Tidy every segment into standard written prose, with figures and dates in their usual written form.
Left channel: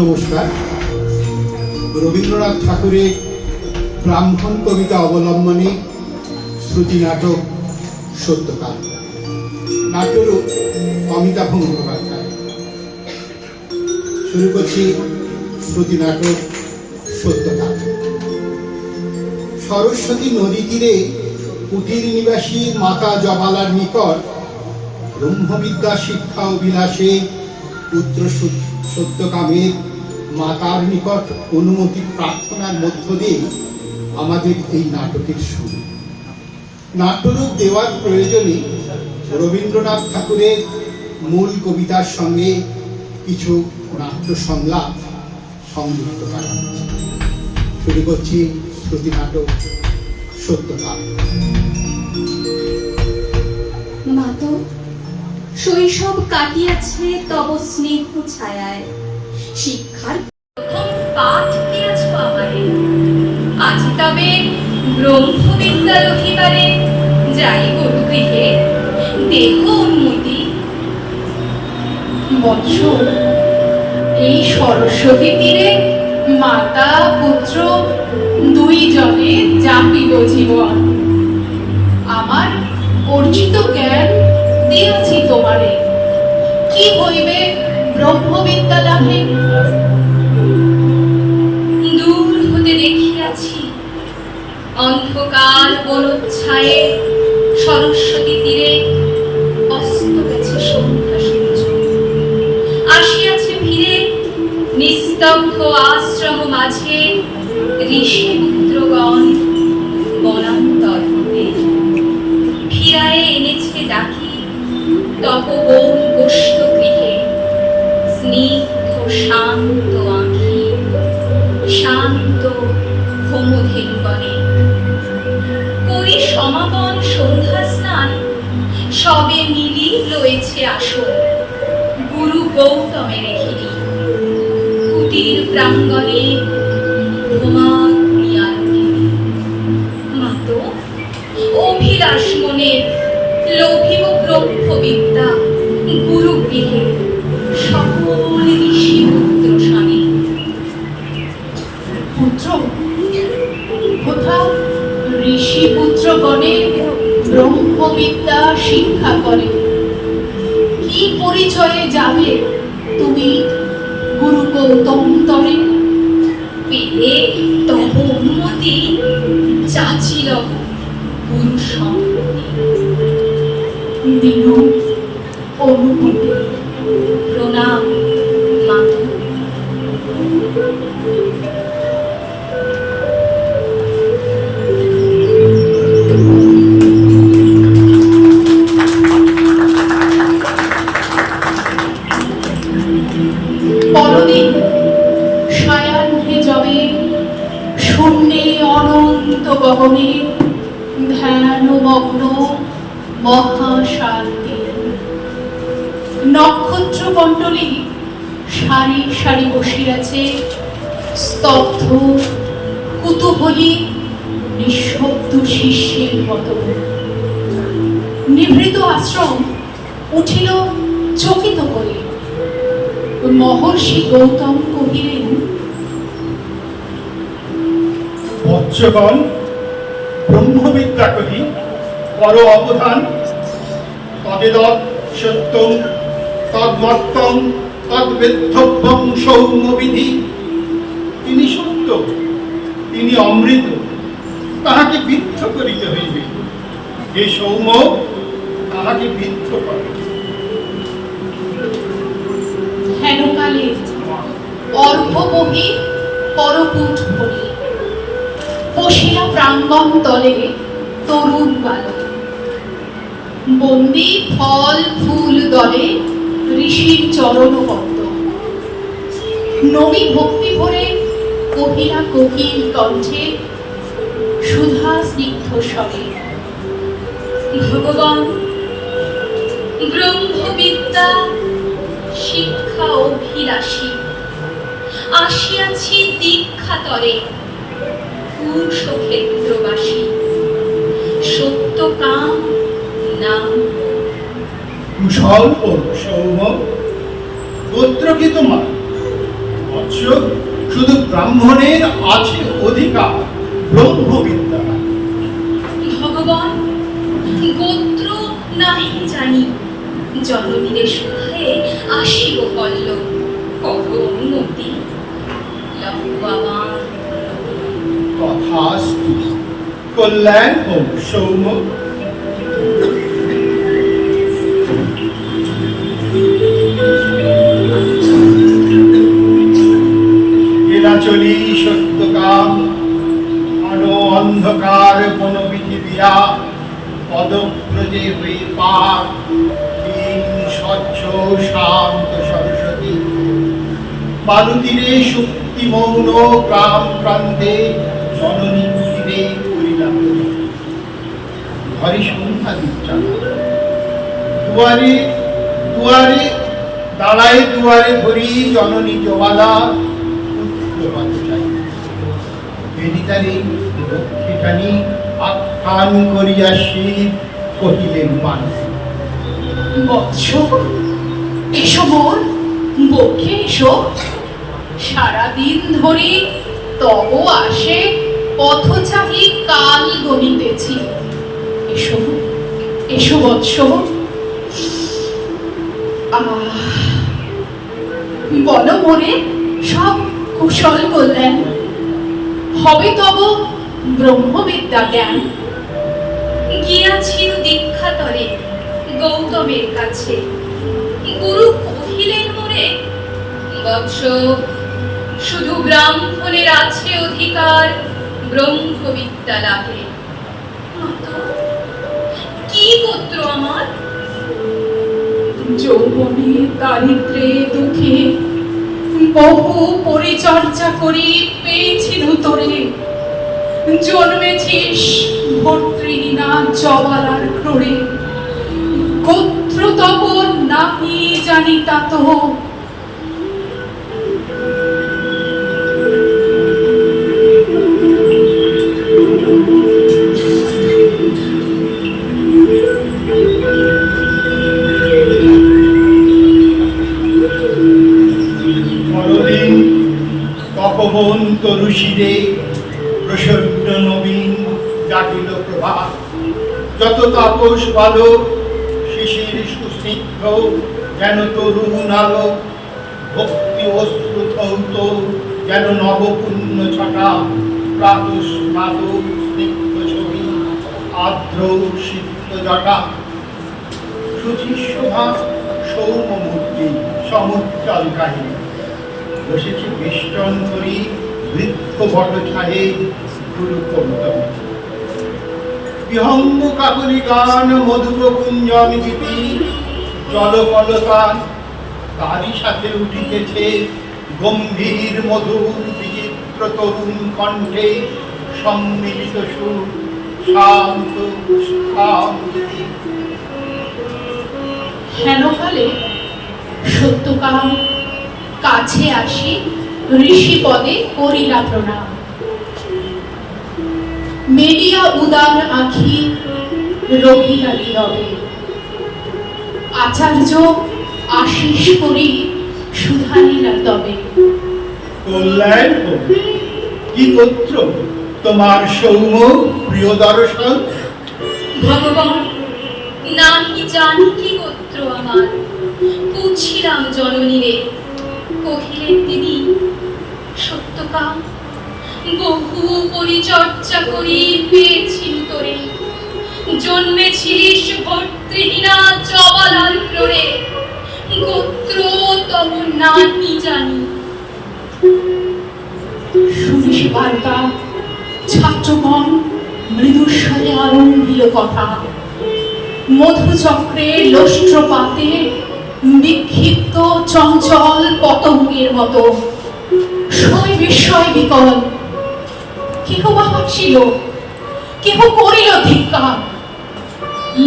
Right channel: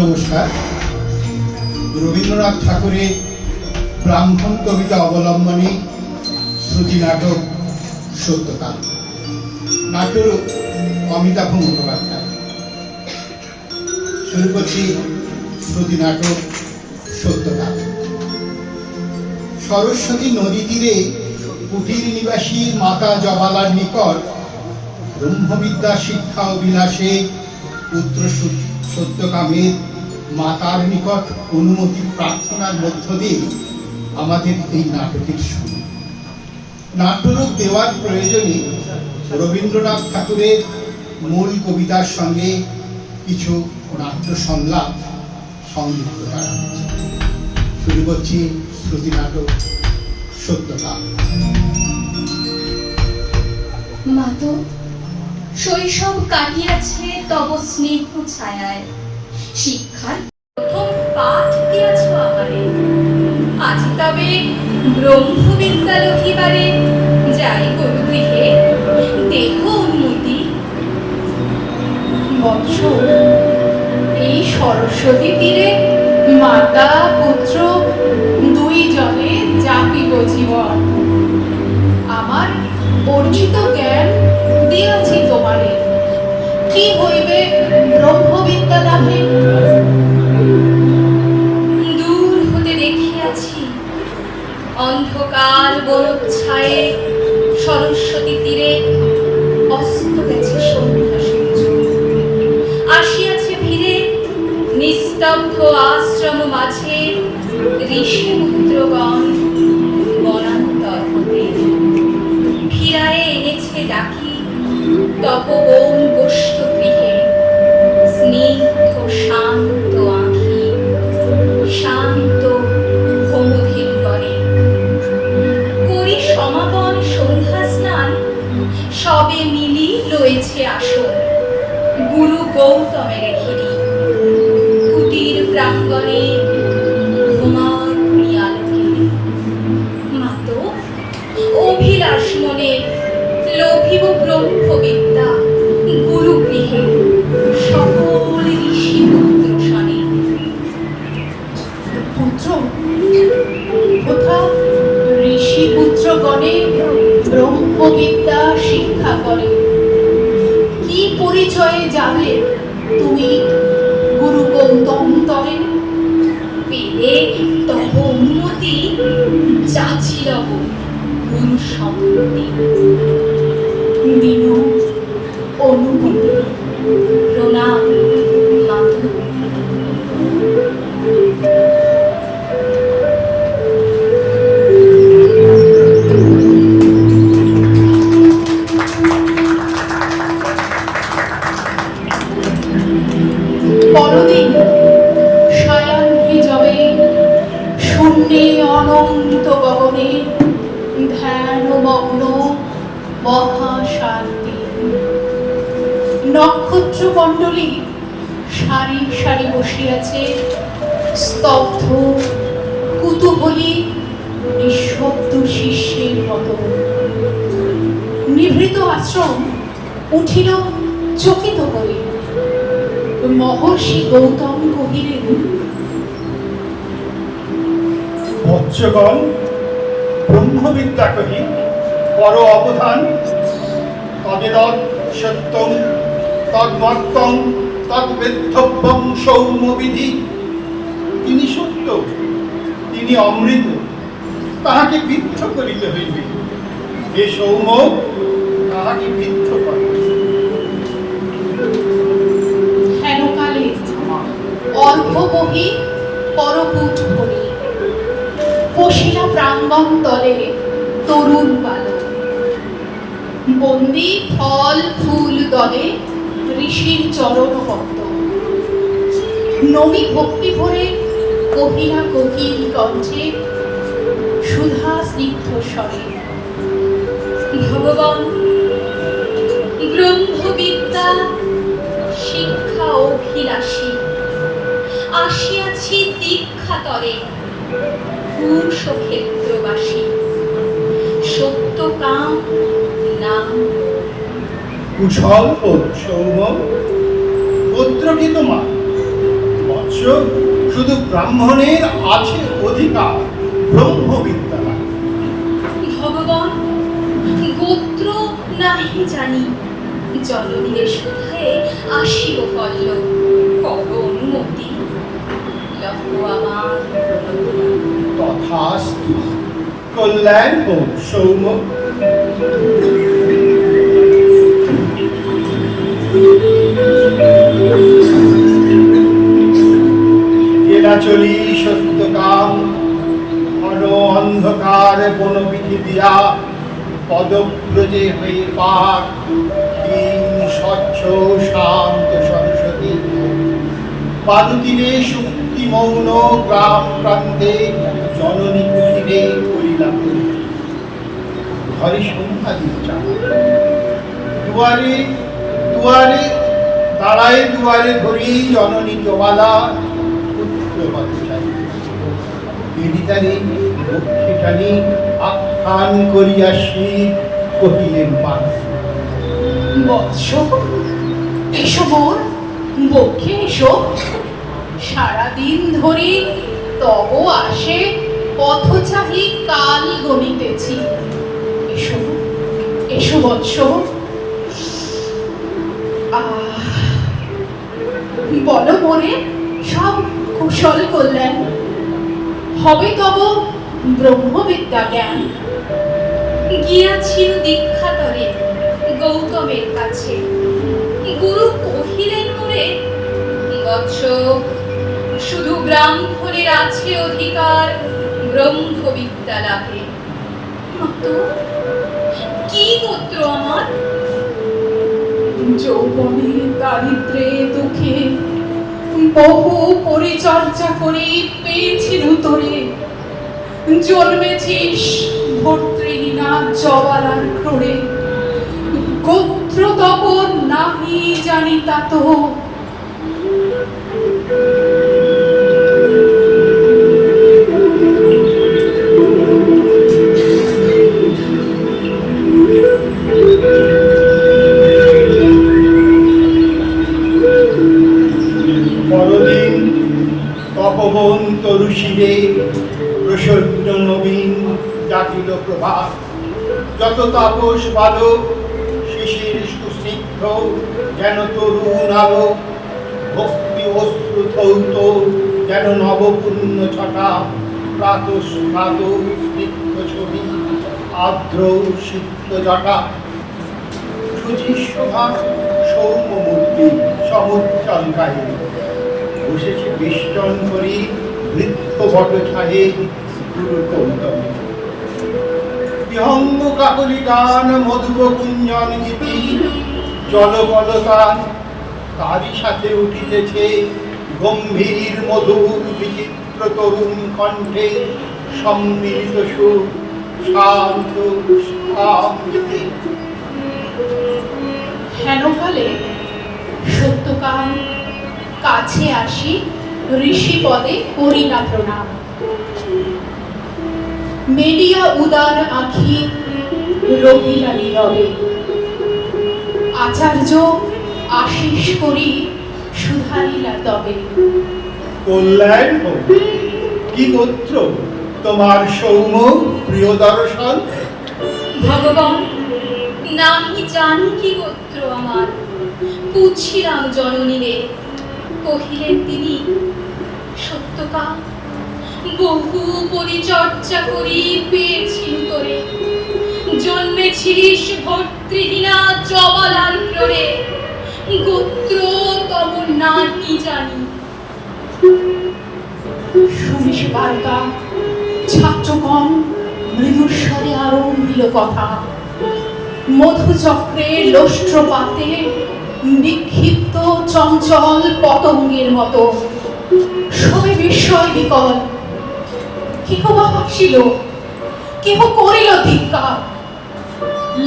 নমস্কার। রবীন্দ্রনাথ ঠাকুরের ব্রাহ্মণ কবিতা অবলম্বনে শ্রুতি নাটক সত্যকাল, নাট্যরূপ অমিতাভ মুখোপাধ্যায়। শুরু করছি শ্রুতি নাটক সত্যকাল। সরস্বতী নদী তীরে কুটির নিবাসী মাতা জবালার নিকট ব্রহ্মবিদ্যা শিক্ষা অভিলাষে পুত্র সত্যকামের মাতার নিকট অনুমতি প্রার্থনার মধ্য দিয়ে আমাদের এই নাটকের শুরু। নাট্যরূপ দেওয়ার প্রয়োজনে রবীন্দ্রনাথ ঠাকুরের মূল কবিতার সঙ্গে কিছু নাট্য সংলাপ সংযুক্ত করা হচ্ছে। শুরু করছি শ্রুতি নাটক সত্যকাল। মাতো, শৈশব কাটিয়াছে তব স্নেহ ছায়ায়, শিক্ষার প্রথম পাঠ দিয়াছ আমারে। আজি তবে ব্রহ্মবিদ্যা রহিবারে যাই গৃহে, দেহ উন্নতি। বৎস, এই সরস্বতী তীরে মাতা পুত্র দুই জনে যাপিব জীবন। আমার অর্জিত জ্ঞান দিয়াছি তোমারে, কি হইবে ব্রহ্মবিদ্যা লাভে। দূর হতে দেখিয়াছি অন্ধকার বনচ্ছায়ে সরস্বতী তীরে অস্ত গেছে সন্ধ্যা সূর্য। আসিয়াছে ভিড়ে নিস্তব্ধ আশ্রম মাঝে ঋষি পুত্রগণ বনান্তর হতে। ফিরায়ে এনেছে ডাকি তপবন গোষ্ঠ গৃহে, স্নিগ্ধ শান্ত আঁখি, শান্ত হোমধীর করে। করি সমাগম সন্ধ্যা স্নান, সবে মিলি লয়েছে আসন গুরু গৌতমের ঘিরি। কুটির প্রাঙ্গণে মাতো, অভিলাষ মনে লোভিব ব্রহ্মবিদ্যা গুরু গৃহে, সকল ঋষি পুত্র স্বামী। পুত্র, কোথা ঋষি পুত্রগণে ব্রহ্মবিদ্যা শিক্ষা করে? কি পরিচয়ে যাবে তুমি গুরু গৌতম তরে? পেলে তব উন্নতি, যাচিল গুরু সম্মতি। দিন অনুমতি। প্রণাম মাতো। পরদিন সায়াহ্নে যবে শূন্যে অনন্ত গগনে ধ্যানমগ্ন মহাশান্তি। নক্ষত্র মণ্ডলী সারি সারি বসিয়াছে, স্তব্ধ কুতূহলী নিঃশব্দ শিষ্যের মতো। নিভৃত আশ্রম উঠিল চকিত হয়ে। মহর্ষি গৌতম কহিলেন, বৎসগণ, ব্রহ্মবিদ্যা কহি পর অবধান। তদেদৎ সত্যং তদ্মত্তং তদ্বেদ্ধব্যং সৌম্যবিধি। তিনি সত্য, তিনি অমৃত, তাহাকে বিদ্ধ করিতে হইবে। এ সৌম্য, তাহাকে বিদ্ধ করে। হেনকালে অর্ধবহি পরপুট ভরি বসিল প্রাঙ্গণ তলে তরুণ বালক। বন্দি ফল ফুল দলে ঋষির চরণ পদ্ম। নবী ভক্তি ভরে কহিলা কোকিল কণ্ঠে, সুধা স্নিগ্ধ স্বরে। ভগবান, ব্রহ্মবিদ্যা শিক্ষা অভিলাষী, আসিয়াছি দীক্ষা তরে কুশক্ষেত্রবাসী। সত্যকাম নাম। কুশল সৌম্য, গোত্র কি তোমার? শুধু ব্রাহ্মণের আছে অধিকার ব্রহ্মবিদ্যা। ভগবান গোত্র নাহি জানি, জননীরে সুধায়ে আসিব কল্ল, কত অনুমতি লহ আমার। তথাস্তু, কল্যাণ হোক সৌম্য। চলি সত্যকাম ঘন অন্ধকার বনবিধি দিয়া পদব্রজে হয়ে পার ক্ষীণ স্বচ্ছ শান্ত সরস্বতী পাদতীরে শক্তি মৌন গ্রাম প্রান্তে জননী কুটিরে করিলাম ঘরে সন্ধ্যা দিচ্ছা দুয়ারে দুয়ারে দাঁড়ায় দুয়ারে ধরি জননী জবালা আখ্যান করিয়া শিব কহিলেন পান। বৎস, এসো মোর বক্ষে এসো, সারাদিন ধরে তব আসে পথচারী কাল গমিতেছি। এসো এসো বৎস। বলো মোরে সব কুশল কল্যাণ, হবে তব ব্রহ্মবিদ্যা জ্ঞান। গিয়াছিল দীক্ষাতরে গৌতমের কাছে, গুরু কহিলেন মোরে, বৎস শুধু ব্রাহ্মণের আছে অধিকার ব্রহ্মবিদ্যা লাভে। তো কি গোত্র আমার? যৌবনে দারিদ্রে দুঃখে বহু পরিচর্যা করি পেয়েছিল তোরে, জন্মেছিস ভর্তৃহীনা জবালার ক্রোড়ে। গোত্র তব নাহি জানি তাত, পরদিন তপবন তরুষিরে প্রসন্ন নবীন জাগিল প্রভাত। যত তাপস বালক শিশির সুস্নিগ্ধ যেন তরুণ আলো, ভক্তি অশ্রু ধৌত যেন নবপুণ্য ছটা। প্রাতঃস্নাত স্নিগ্ধ ছবি আর্দ্র সিদ্ধ জটা, সুচিশোভা সৌম্যমূর্তি সমুজ্জ্বল গায়ে বসেছে বেষ্টন করি বৃদ্ধ বটছায়ে গুরু কৌতমে। বিহঙ্গ কাকলি গান মধুর কুঞ্জন গীতি জলকলতা, তারই সাথে উঠিতেছে গম্ভীর মধুর বিচিত্র তরুণ কণ্ঠে সম্মিলিত সুর শান্ত শান্তি। হেনকালে সত্যকাম কাছে আসি ঋষি পদে করিলা প্রণাম। মেলিয়া উদার আঁখি রহিলা নীরবে, আচার্য আশিস করি শুধাইলা তবে। কল্যাণ হোক, কি গোত্র তোমার সৌম্য প্রিয় দর্শন? ভগবান নাহি জানি কি গোত্র আমার, পুছিলাম জননীরে, কহিলেন তিনি সত্যকাম বহু পরিচর্যা করি পেয়েছিল তোরে, জন্মেছিস ভর্তৃহীনা জবালার ক্রোড়ে। গোত্র তব নাহি জানি। শুনিস বার্তা ছাত্রগণ মৃদুস্বরে আরম্ভীয় কথা, মধুচক্রে লোষ্ট্রপাতে বিক্ষিপ্ত চঞ্চল পতঙ্গের মতো সবে বিস্ময় বিকল। কেহ বা হাসিল, কেহ করিল ধিক্কার,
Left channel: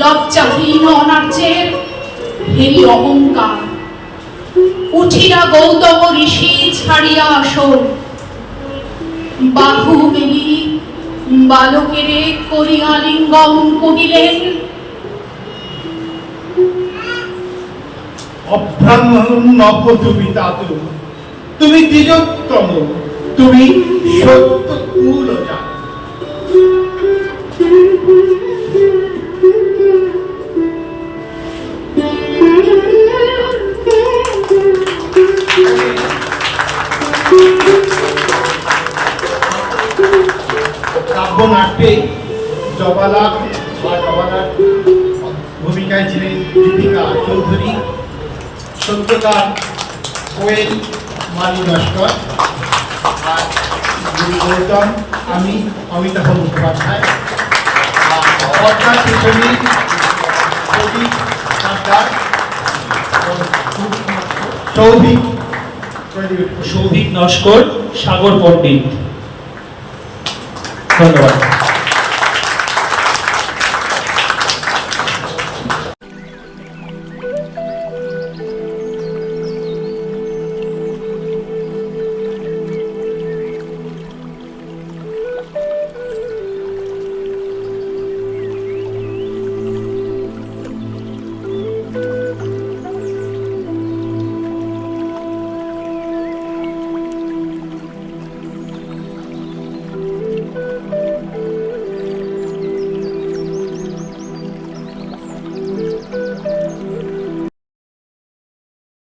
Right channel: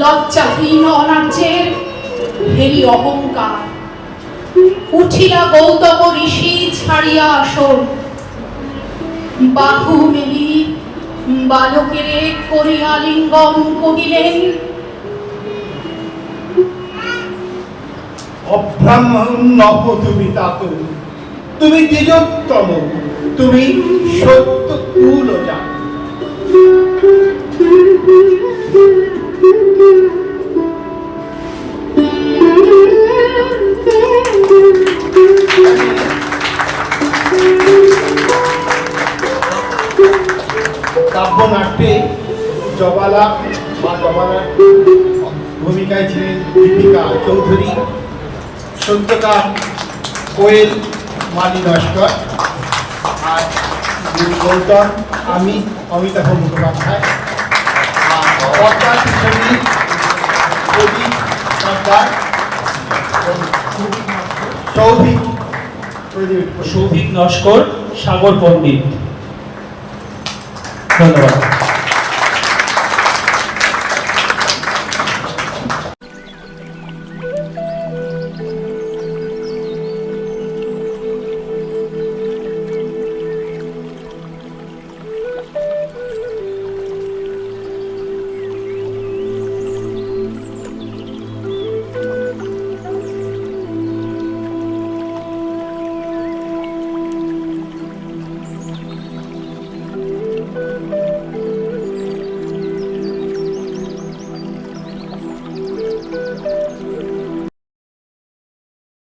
লজ্জাহীন অনার্যের হেরি অহংকার। উঠিলা গৌতম ঋষি ছাড়িয়া আসন, বাহু মেলি বালকেরে করিয়া লিঙ্গম কহিলেন, অব্রাহ্মণ নবধূমিতাত তুমি দ্বিজোত্তম, তুমি সত্য কুলজা। কাব্যনাট্যে জবালা বা জবালার ভূমিকায় ছিলেন দীপিকা চৌধুরী, সত্যকার কোয়েল মানি নস্কর, আর যিনি গৌতম আমি অমিতাভ মুখোপাধ্যায়, আর পর্দা শিশুরি সৌভিক সর্দার, সৌভিক সৌভিক নস্কর, সাগর পণ্ডিত। ধন্যবাদ।